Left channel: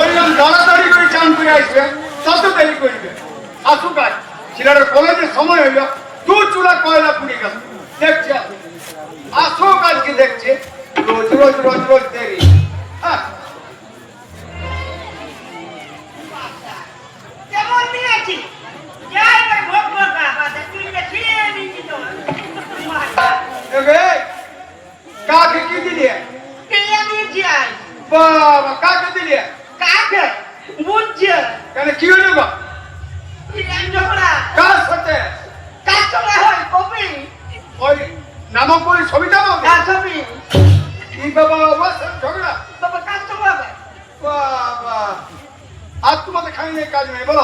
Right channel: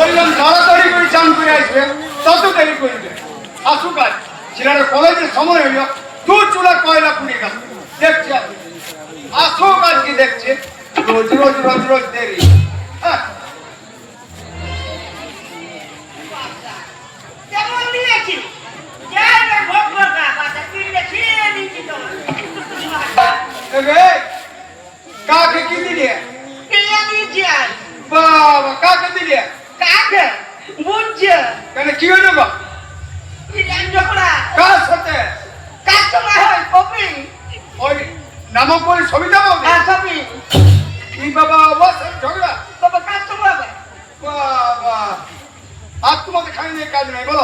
ওই তাড়াতাড়ি করে চান করে আসবে, তত দেরি করবে। আসুক আজ ছেলেটার কলেজের সময় হইল, দু চুলা কয়লা পুড়ে গেল। দেখছে আসুক আজকে, দেখছে রোজ রোজ রোজ রোজ দেরি। হ্যাঁ কাকে কি দিলে? বাবা কাকে দিলে? কেন কি হইল গো? কার সাথে? ওই নামক বলি ছবিটা বলবে কি বাবা? অবশ্য ঝগড়া বাবা। আর তোমাকে খাইলে কাজ নেই বলো?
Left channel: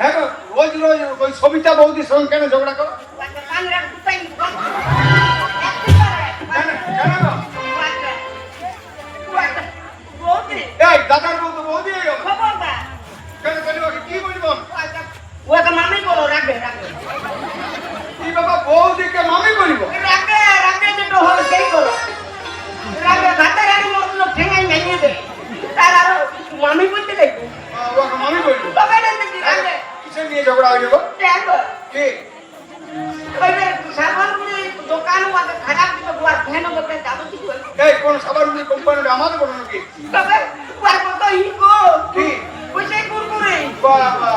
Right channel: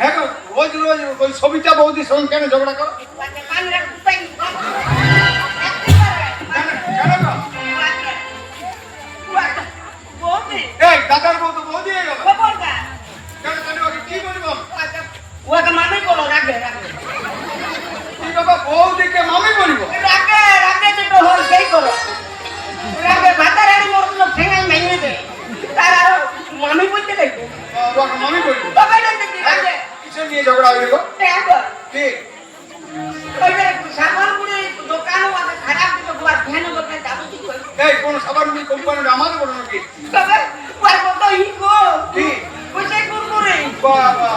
হ্যাঁ গো, রোজ রোজ ওই সবিতা বৌদির সঙ্গে কেন ঝগড়া করো? এই দাদার বউ তো বৌদি হয়ে গেল। কি বলবো? কি বাবা বৌদিকে মামি বলবো? মামি বলতে দেখবে মামি বলবো কিসে নিয়ে ঝগড়া হয়ে গেল? কি এই কোন সাবান কোম্পানির আমাদের বলো নাকি? বাবা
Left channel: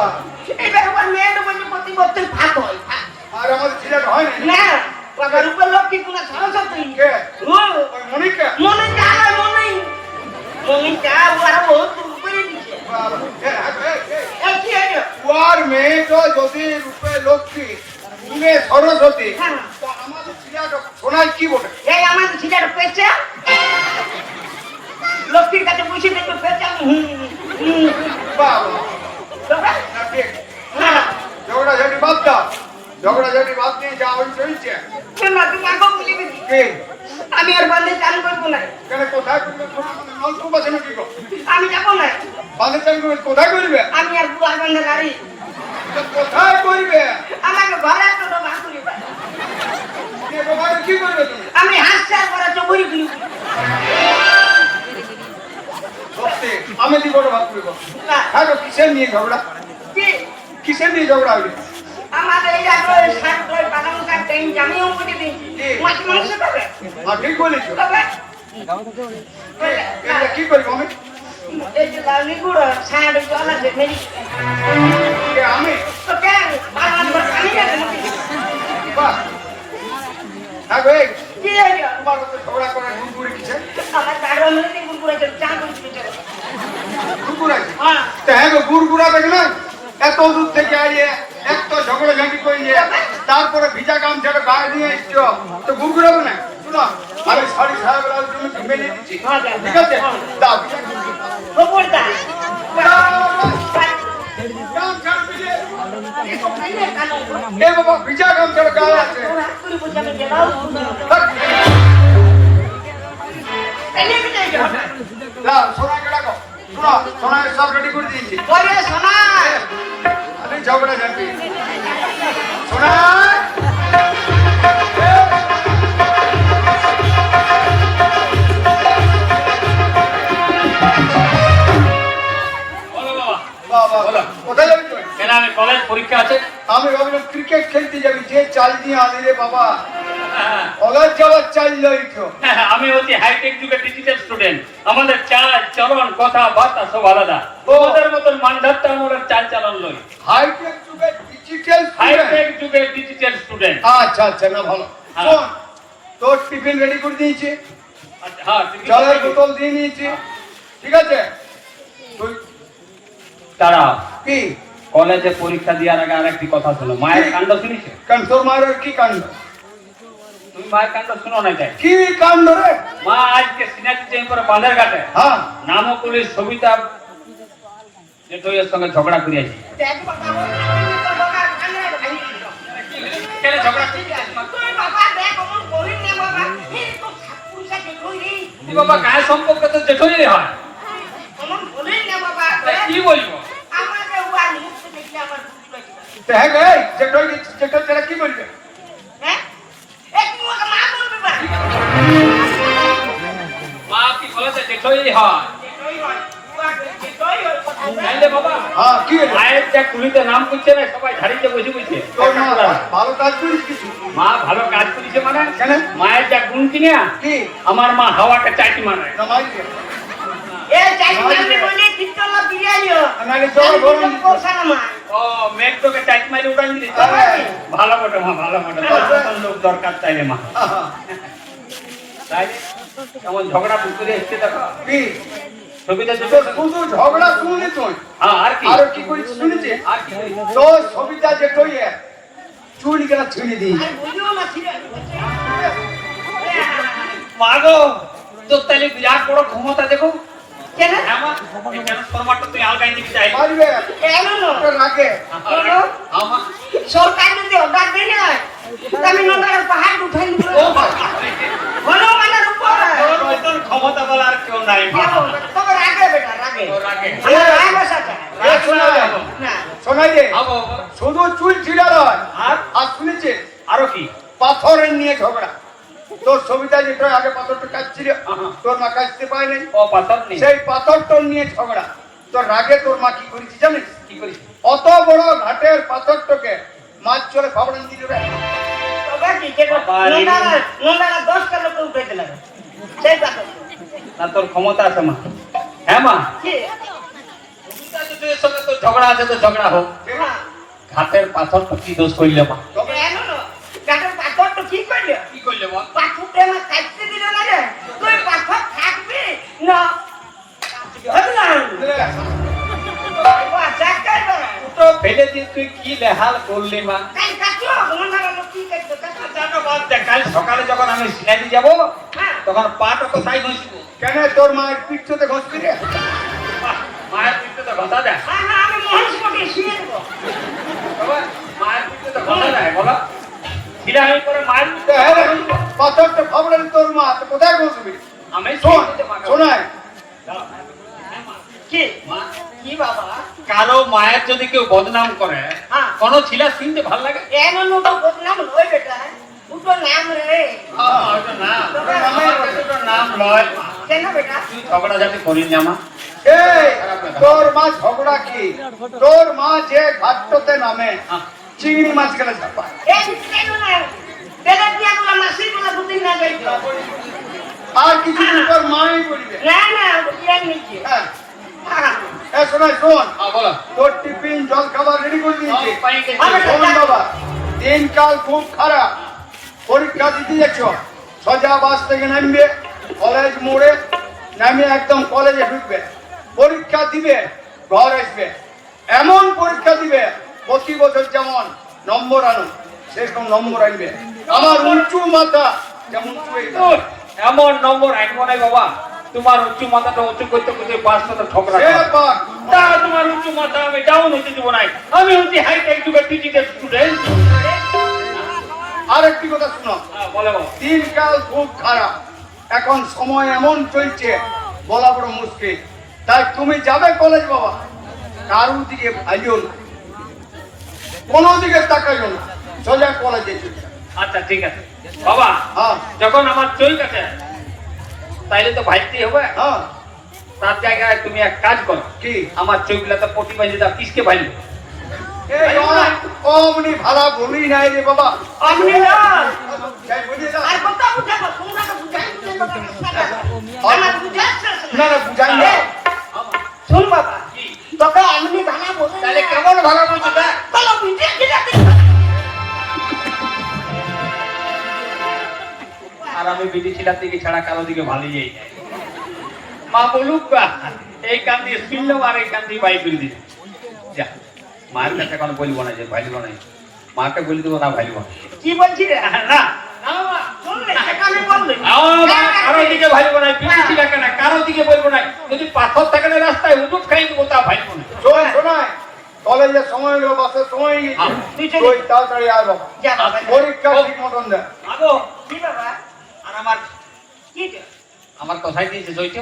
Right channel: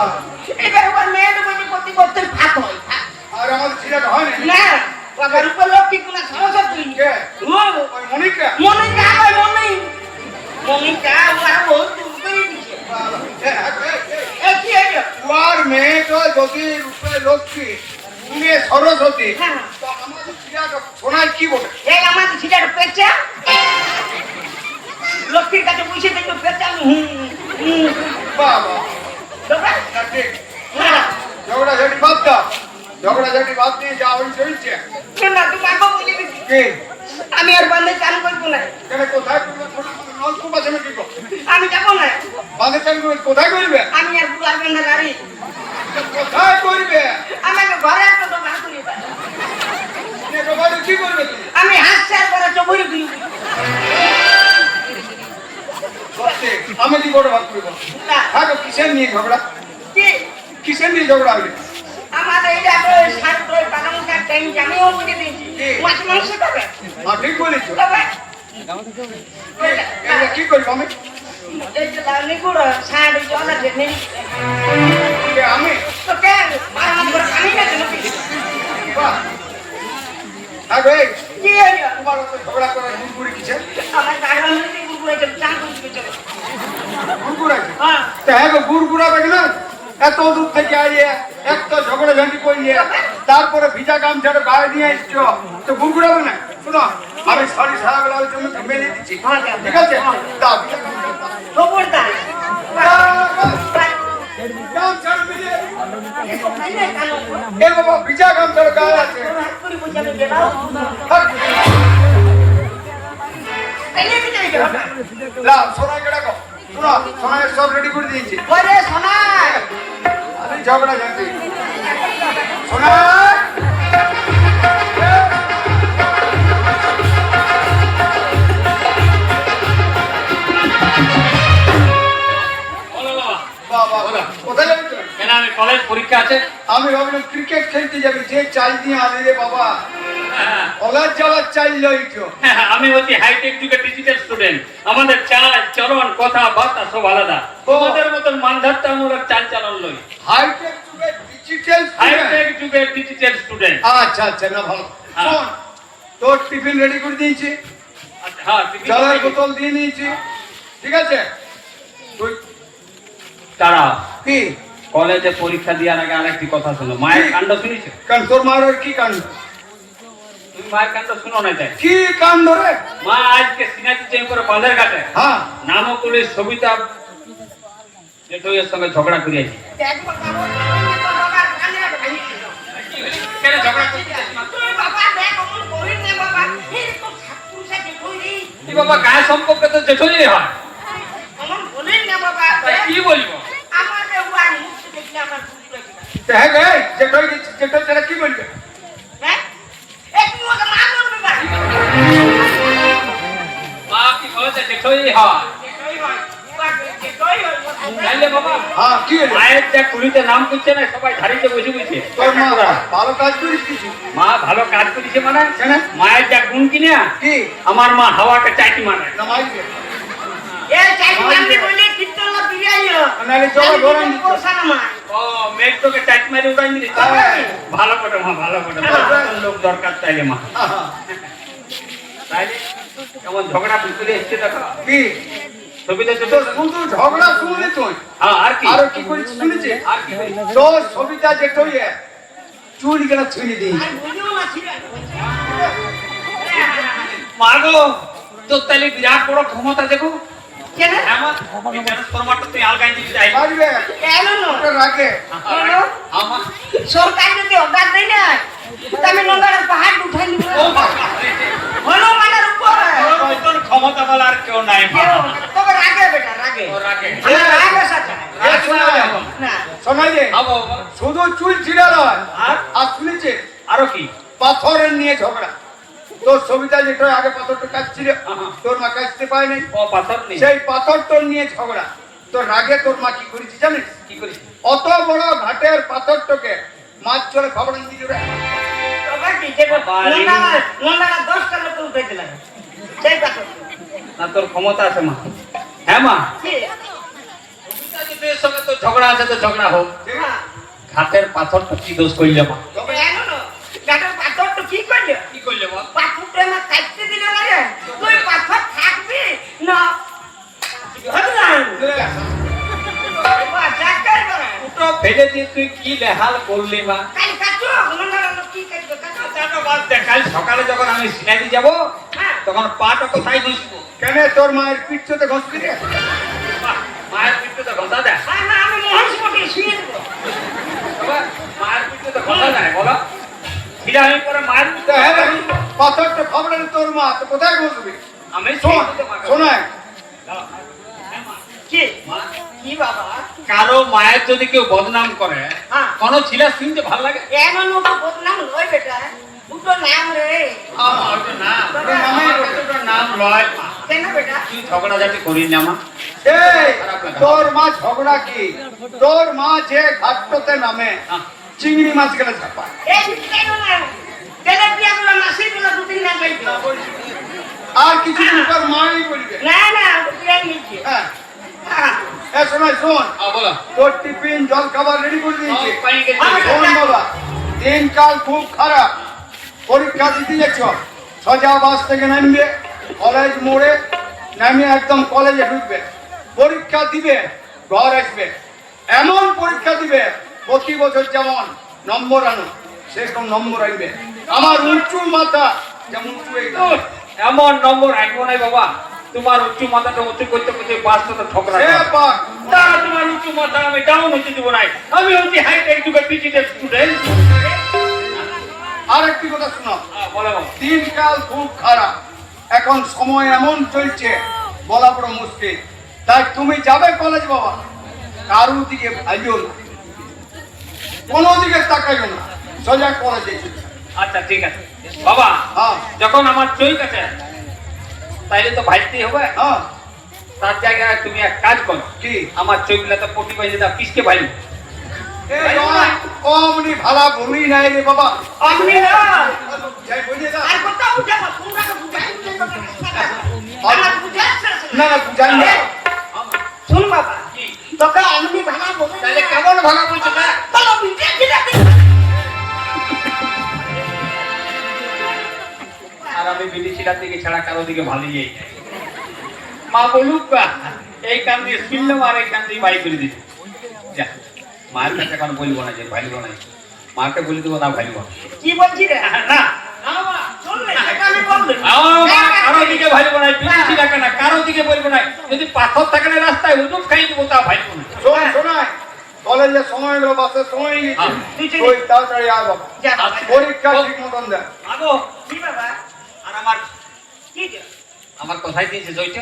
আর আমাদের ছেলেটা হয় না মনিকা মেয়ে তো যদি রূপে লক্ষ্মী তুমি সরস্বতী, তো আমাদের ছেলেটা সোনার কি বলে? আমাদের ছেলেটা পেয়েছে লক্ষ্মীর কাছে বসে দেখো পেয়েছে বাবা ঝগড়া ঝাটি বাদ দাও, ঝগড়া ঝাটি বাদ দিয়ে যা ওই চলছে। আমি আর বান্ধে চান করবো না। কেন কোথায় নলকূপ আছে নাকি? আমি যাবো না। বান্ধে চান করবে কোথায় করবে? আমি আর বুয়ার বান্ধে গাড়ি কোথায় করবে? আমাকে ঘরে একটা তো ভাত কি করবে তুমি? আমি হাসছি আর ঘরে চবুরি দিই। আমি দি বড় ভাত করবো। হ্যাঁ তো কিসের নিয়ে ঝগড়া? কিসের নিয়ে ঝগড়া হইলে? আমাদের এই শাক করে বানানো শাক টাইম জানিও বলে দিয়েছি মাছ মাংস খাবে। ঠিক বলেছো। কি করবো আমি? এই যে লাউনি গুঁড়ো শাক জল আছে মেরি আমি তো কেন বানানো খাই না তুমি? বাহ আগে কি হলো? তোমার ঝগড়া করে গুড়গুড়ি কিসে? আমার গাড়ি মেরে গুঁড়ো চল চা করতে চলো। গুড়গুড়া? হ্যাঁ তো হ্যাঁ গো গুড়গুড়া দেখলেন এত দূর থেকে আইয়ে এত ঝগড়া ঝাঁটি করলে তারপরে ভিজা গামছাটা গায়ে নিয়ে এসছো, তো গুড়গুড়াবে না? শোনো আমি সরি সাহেবের জন্য মেলে দিচ্ছি, ঠিক আছে? দাও খবরদার এ বাবা ভিজা গামছাটা গায়ে আছে। সোনাকে ডাকো, শোনো সোনাকে সব রেডি করে দিয়েছি। ওরে সোনাই আমি ঝগড়া ঝাঁটি সোনা কোথায় যাবি তুই? কলেজ পরীক্ষা আছে। আমি ভাবলাম ক্রিকেট খেলতে যাবি, যে চাল নিয়ে আনি রে বাবা, কলেজ যাওয়ার চাল লইছো। আমি হচ্ছি হাইটেক যুগের ডিজিটাল স্টুডেন্ট, আমাদের চাল চলন কথা বার্তা সব আলাদা। তোমাদের মতন মানধারটা আমরা চাল চালন লই। হাইটেক যুগের ডিজিটাল হাইটেক যুগের ডিজিটাল স্টুডেন্ট। আচ্ছা আচ্ছা না ভালো। শোন তোর টিফিন রেডি করে দিয়েছি, হ্যাঁ জলের বোতল দিয়ে নিয়েছি, ঠিক আছে? তুই তারা কি কলেজে পরীক্ষা দেওয়ার আগে আরেকটি কথা শোনো। মায়ের কাণ্ড শুনেছো? কারণ তোর মায়ের কি কাণ্ড? তুমি মায়ের কাণ্ড শুনো না? তাই কি কাণ্ড রে? মা আজকে সিনাতি চেঞ্জ করে বাঁধের ঘাটে হ্যাঁ নামকুলির সবিতা জেঠুইয়ের সঙ্গে ঝগড়া করিয়াছি। দেখ বাবা বাবা কানে ভাই কেন ঝগড়া তুই বাবা দেখ অমন করিস না বাবা, এই তো ঠাকুরসা দেখই রে কি বাবা গায়ে সম্পর্ক তো জেঠুই হয়, অমন বলিস না বাবা। কি বলবো? আমাকে ওয়ার মুখ দেখলে আমার ভুল লাগে। হ্যাঁ গো যেটা যেটা কি বলবে? হ্যাঁ এই তুই ওকে মা বলবি বাড়ি মা কি কলেজে দেখই হয় নাইলে বাবা হ্যাঁ কি রে? মায়ের যা কুড়িতে নাম করছে না সবাই ধারিতে বসে বসে তোর মা ভালো কাজ করিস কিছু মা ভালো কাজ করেছে মানে কেন? মায়ের যা গুণ কিনে কি আমার মা হাওয়াকে চাইটি মানে নামাই দে এ চাইছি আমি বলি কীর্তন না বিরিয়ানিও নালে চলো বরং পয়সা না মা ও মেঘ তোকে চাইটি মারি উঠাই দিলি তো? ভালো বটে মা ভালো বটে তোর লোক দরকার চাইলে মা তাইলে আমার ঝগড়া ভিতরে এসছে দেখো কি ছবিতে তো চলে শুধু ঝগড়া শুনলি তুই হ্যাঁ আর কি আরো কি করিস শুনেছি আর কি করি? তো ছবিটা যে তুই চুল কেন ছুঁয়ে দিই আমি বুঝিও না ঠিক আছে মা গো তোর তাহলে বিরাট বড় ক্ষমতা দেখো কেন আমার এই ট্রান্সফরমারটা তুই আলগাই দিবি চাই মারবে কেন ওটা রাখে আমার সরকার যদি অর্ডার দেয় না আমি নন্দার পাহাড় উঠাই নিব ও বাবা হলো মানে উপর তোর ক্ষমতা বলা আর কেউ নাই মা তবে রাগে বেটা রাগে ও রাখে রাগে সাথা এ শোনা যায় না শোনা যে আবো শুধু চুল ছিড়ার হয় আর আর শুনেছে আরো কি পাথরের নিয়ে ঝগড়া তোর ছবিটা যেটা আগে পাথরটা কাটছিল তোর মা কাটতে পায় নাই ও পাথর নেই সেই পাথরটার নিয়ে ঝগড়া তোর রাগে তোর মা কি করেছি জানিস কি করিস অত বড় ঘাটের পাথরটাকে মাছ চলে ফাবড়ান দিয়ে দেয় তবে কি যে নন্দারা 10 টাকা তো উঠাইতে লাগে সেই কথা না তোর ক্ষমতা আছে মা হ্যাঁ মা কি তোর সঙ্গে তো ঝগড়া আছে তো ঝগড়া হোক হ্যাঁ ঘাটের পাথর তো কি দোষ করলে মা তবে কেন গাটের পাথর তো কি করলে কি করলে মা পাথরটা আমার কাটতে দিলে না রে তুই পাথর থাকবি না হতে না বাবা জাকার বাবা তো ফেলে দিয়ে তুই কি লেহাল করলি মা কাল কাটো নন্দারা কি করবে কাটো জানো বাদ দে, কাল সকালে যখন আমি সিনারি যাবো হ্যাঁ তখন পাটা কোথায় ঘুষবো কেন তোর মায়ের পিঠতে ঘষবি রে মায়ের পিঠে তো ঘষা দেয় না আমি মহেশ কোটি শুয়ে দেবো বাবা, মায়ের পিঠে তো ঘষা দেয় বলো ফিরে আমি পরে মায়ের পিঠে তো হ্যাঁ রে, পাথরটা ফাবড়ান তোর মা তো কোথায় ঘষবি আমি শোন শোন শোনায় কি মা কি বাবা কারো মায়ের যদি কেউ বদনাম করে হ্যাঁ কোন ছিলা শুনতে ভালো লাগে এমন মতো বদনাম লয় বেটা উঠো নাম রে ওইটা না ওইটা নাম লয় কেন বেটা তুই ঝগড়া ঝাটি করিস না মা এই তোর মা ঝগড়া কি তোর মা যে ঘাটতে নামে চিংড়ি মাছ গেলে চাপায় এই কেন না বেটা বিয়া করে মাসির বলা দুদিন না যাইতো আর কিছু দিন পর মাই বলবে না না বিয়া নিচ্ছে হ্যাঁ এ শোনাই শোন বলো তোর টিফিন জল খাবার রেডি করে দিয়েছি পানি খেতে শোন বাবা দিনকাল খুব খারাপ পরীক্ষা দিতে যাচ্ছ সোজা বাস থেকে নামবে কলেজ মোড়ে নামিয়ে একদম কলেজে ঢুকবে পরীক্ষা দিবে ঘর আসবে এমন পরীক্ষা দিবে প্রতি বছর যেমন নম্বর আনো সেরকম নম্বর আনবে আমার উঁচু মাথা যেমন উঁচু এই তোর এমন নম্বর আনবো নাই বাবা তোমার উচ্চ মাথাটা উঁচু করতে করতে পাঁচটা তো ঠকরা সে পাক। তা তোমার উচ্চ মাথা আমি ডাউন হতে দিব নাই আমি হচ্ছি হাইটেক যুগের ডিজিটাল স্টুডেন্ট আর একটি কথা শোনো বলে বাবা দিনকাল খুব খারাপ এখন সময় এমন চলছে বলা বড় মুশকিল তাই তুমি যাবে কলেজ বাবা কারো দিকে ভাইও না কোনো দিকে তাকাইও না সোজা কলেজে চলে যাও। আচ্ছা ঠিক আছে বাবা হ্যাঁ যখন আমার চই কাছে তাইলে তো ভাইতেই হবে হ্যাঁ তার জায়গায় তুমি এক কাজ করো কি আমার চইগুলাতে প্রতি বাইরে দাও কিসকে ভাইব এই অমনি ভালা ভূমি নাই রে বাবা আপনি না যাই বুঝিয়ে দাও। আর কথা বুঝে না তোমরা তো বুঝাই আমার বুঝাচ্ছে না না বুঝাই না শুন বাবা তোকে এমনি ভাঙা বলে তাহলে কেমন ভালো বলছো তা তোরা বুঝে দিলা আর আমি বিদেশিরা থেকে ছাড়া কারো দিকে ভালোই যাই না। মা বলুক বা, এই কান দিয়ে শুনলাম আর এই কান দিয়ে বাই করে দিচ্ছি যা মায়ের কাছে এখন বলবো না যে ভাইলব না মাকে বলে দেবো না ভাইলব না কি বলছি রে না শুনলে সেটা আমি বলবো আমার মা কারো দিকে ভাইলব না বিদেশি ডাকে না কারো দিকে বলবো না যদি পাথর থাকে না রাস্তায় উদুপ খাই দেবো তা ভাইলব না শোন শোনায় কলেজের সময় গেল বাসের সময় গেছে তুই তাড়াতাড়ি আয় বাবা যা বাবা পরীক্ষা ঠিক মতন দেয় আগো কি বাবা আর আমার কি রে আমার কথাই দিয়েছে জয়টা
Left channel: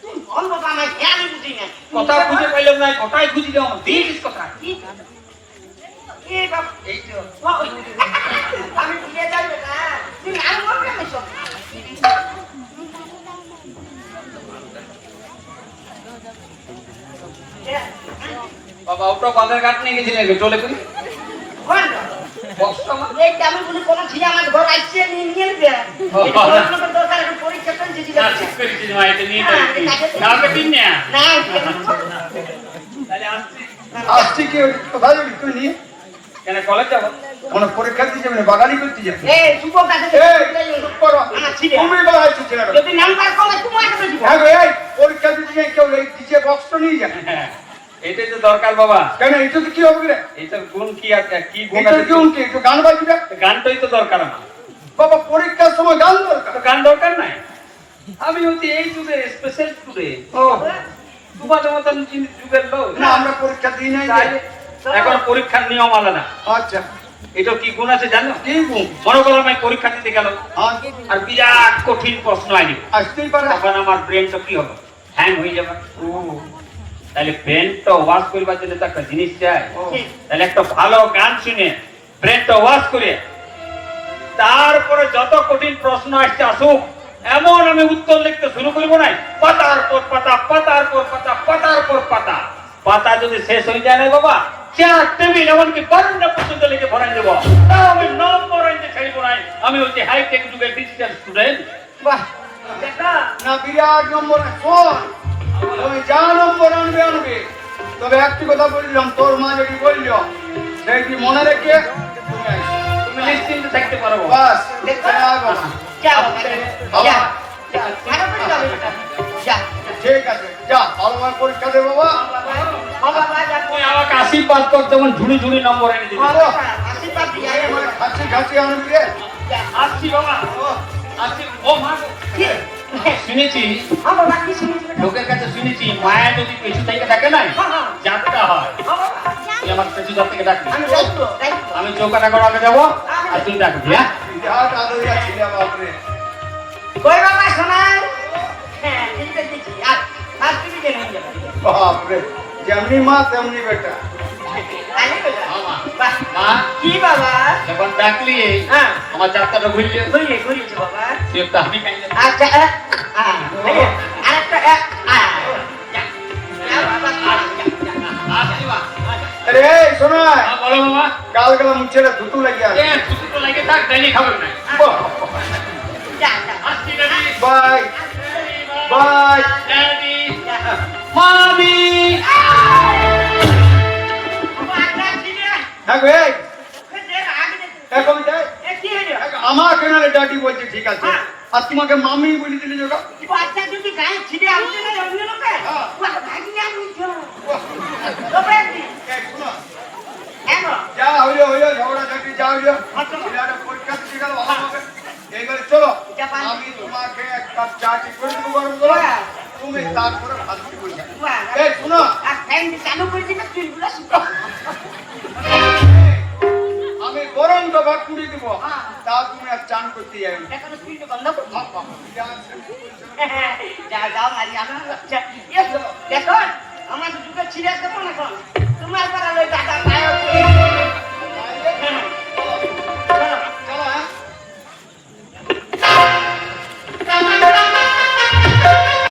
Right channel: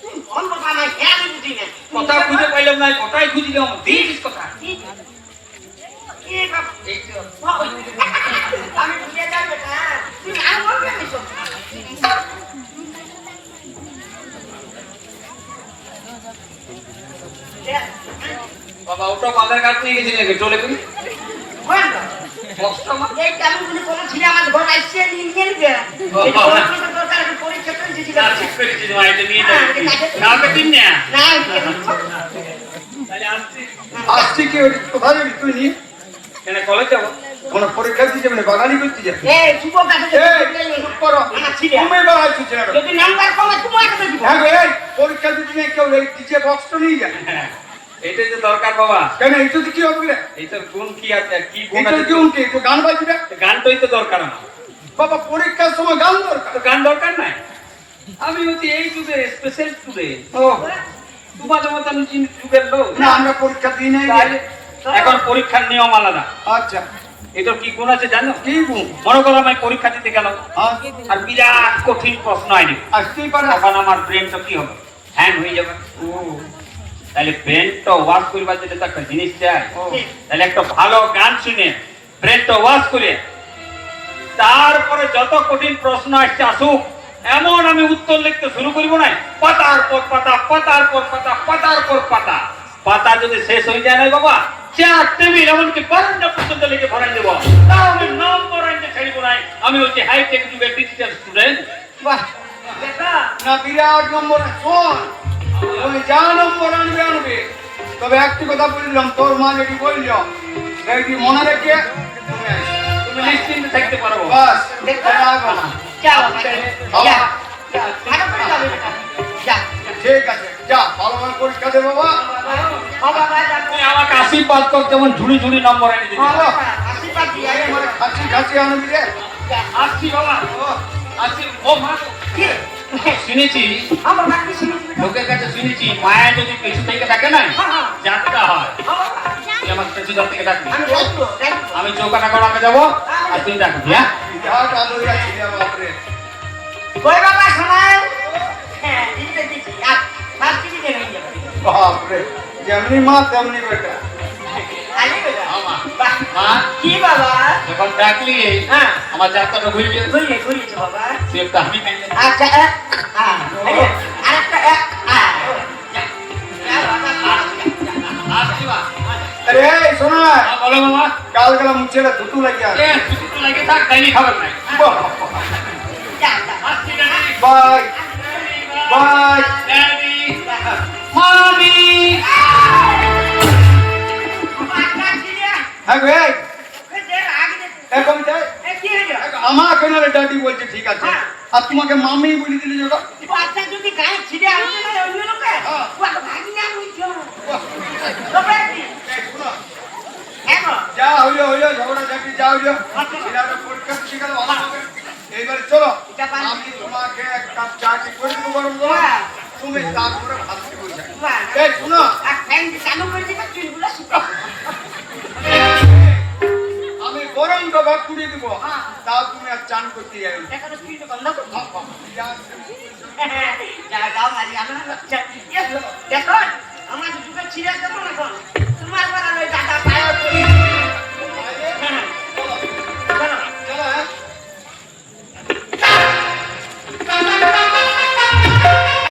তুই বল বাবা আমার খেয়াল বুঝি না কথা খুঁজে পাইলাম না কথাই খুঁজি দাও দিয়েছিস কথা কি কি বাবা এই তো আমি বুঝে যাই বেটা তুই না বলবি আমি সব বাবা ওটা বাজার ঘাট নিয়ে গেছি নাকি চলে গেলি কোন বাবা? বক্সটা মা এই আমি বলি কোন ছেলে আমার ঘর আসছে নিয়ে নিয়ে গে এই পড়াশোনা তো দরকার একটু পরীক্ষা করে দিছি না ঠিক করেছি মা এটা নিয়ে যাই কালকে দিন না না তাহলে আসছি আসছি কি কোথায় যাবি তুই নিয়ে কেন কলেজ যাবো কোনো পরীক্ষা দিতে যাবি না বাগানি করতে যাবি এই সুপ কাছে এই চুপ করো আমার ছিড়ে। তুমি বাড়াচ্ছি ছেলেটা যদি নাম্বার কমে তোমাকে তো দিব হ্যাঁ গো, এই পরীক্ষা দিতে নেই কেউ এই দিচ্ছে বক্সটা নিয়ে যায় এটাই তো দরকার বাবা কেন এইটাতে কি হবে রে এইটা গুণ কি আছে কি গুণ এটা আছে কি উনকে একটু গান বাজবি না গানটাই তো দরকার আমার বাবা পরীক্ষার সময় গান দরকার তো গান দরকার নাই আমি হচ্ছে এই যুগের স্পেশাল স্টুডেন্ট ও তোমাদের মতন যুগের লোক না আমরা পরীক্ষা দিই নাই তাহলে এখন পরীক্ষার নিয়ম আলাদা আচ্ছা এটা কি গুণ আছে জানো কি গুণ মনে করো আমি পরীক্ষা দিতে গেলাম আচ্ছা আর বিরাট কঠিন প্রশ্ন আইনি আসতেই পারে তখন আমার ব্রেনটা কি হবে হ্যাং হয়ে যাবে ও তাহলে ব্রেনটা ওয়াশ করবার জন্য তো একটা জিনিস চাই ও তাহলে একটা ভালো গান শুনে ব্রেনটা ওয়াশ করে তারপরে যত কঠিন প্রশ্ন আসছে আসুক এমন আমি উত্তর লিখতে শুরু করবো না পাতার পর পাতা পাতার পর পাতা পাতার পর পাতা পাতা যদি শেষ হয়ে যায় না বাবা চেয়ার টেবিল এমনকি বারান্দা পর্যন্ত লিখে ভরাই দেবো তাও আমি নম্বর আনতে ছাড়বো না আমি হচ্ছে হাইটেক যুগের ডিজিটাল স্টুডেন্ট বাহ দেখা না বিরাট নম্বর শোন তুমি যা নম্বর আনবে আনবে তবে একটি কথা বললাম তোর মা যদি বলল সেইটি মনে রেখে তুমি আসবে। তুমি নিশ্চিন্ত থাকতে পারবো বাস দেখা যাবো না। যা বাবা যা ভালো করে যাবে যা ঠিক আছে যা ভালোভাবে পরীক্ষা দে বাবা ও বাবা যা তুমি আমাকে আশীর্বাদ কর যেমন ঝুড়ি ঝুড়ি নম্বর এনে দিবি আশীর্বাদ দিয়ে আমার খাচ্ছি খাচ্ছি আনবি রে আসছি বাবা আসছি ও মা গো। কি শুনেছি ও বাবা কি শুনিস লোকের কাছে শুনেছি মায়া যদি কিছু থেকে থাকে না হ্যাঁ। যাত্রা হয় ও বাবা তুই আমার শ্বশুর থেকে ডাকবি আমি যাইতো আমি চৌকাটা করাতে যাবো আর তুই ডাকবি হ্যাঁ যা কাঁদবি আছি বাপরে কই বাবা শোনায় হ্যাঁ দিতে দিচ্ছি আর কি দিতে নিয়ে যাবে বাপরে যেমনি মা তেমনি বেটা আমি বেটা বাহ মা কি বাবা যখন ডাকলি হ্যাঁ আমার যাত্রাটা ঘুরলি ঘুরিয়েছে বাবা তুই একটা আমি কাইলে আচ্ছা আরেকটা আসছি মা আরে এই শোনো না বলো মামা কাল গেলে মুছেটা ধুতু লাগিয়া এ তুই তো লাগে থাক তাইনি খাবার নাই যা যা আসছি গাড়ি বাই বাই ড্যাডি মামি হ্যাঁ গো এই এখন যাই আমার কেনারে ডাডি বলছে ঠিক আছে আর তোমাকে মামি বলি দিলি যোগা বাচ্চা যদি গায়ে ছিঁড়ে আসছে না ওই লোকে ভাগিয়ে আনছো এই শোনো হ্যাঁ যা হইলো হইলো ঝগড়া ঝাঁটি যা হইলো ছেলেটা পরীক্ষা দিতে গেল ভালো হবে এইবার চলো আমি তোমাকে এক কাপ চা কি করে দেবো গরম গরম তুমি তারপরে ভাত কি বলছো এই শোনো আর ফ্যান চালু করে দিলে চুলগুলো শুকাও আমি গরম তো ভাত কুড়িয়ে দেবো তাও তুমি আর চান করতে যাই এখন চুলটা বন্ধ করো যা যাও মারি আমার বাচ্চা দেখো আমার দুটো ছিঁড়ে দেবো না এখন তোমার বেলা ওই দাদা পায়ে পড়ে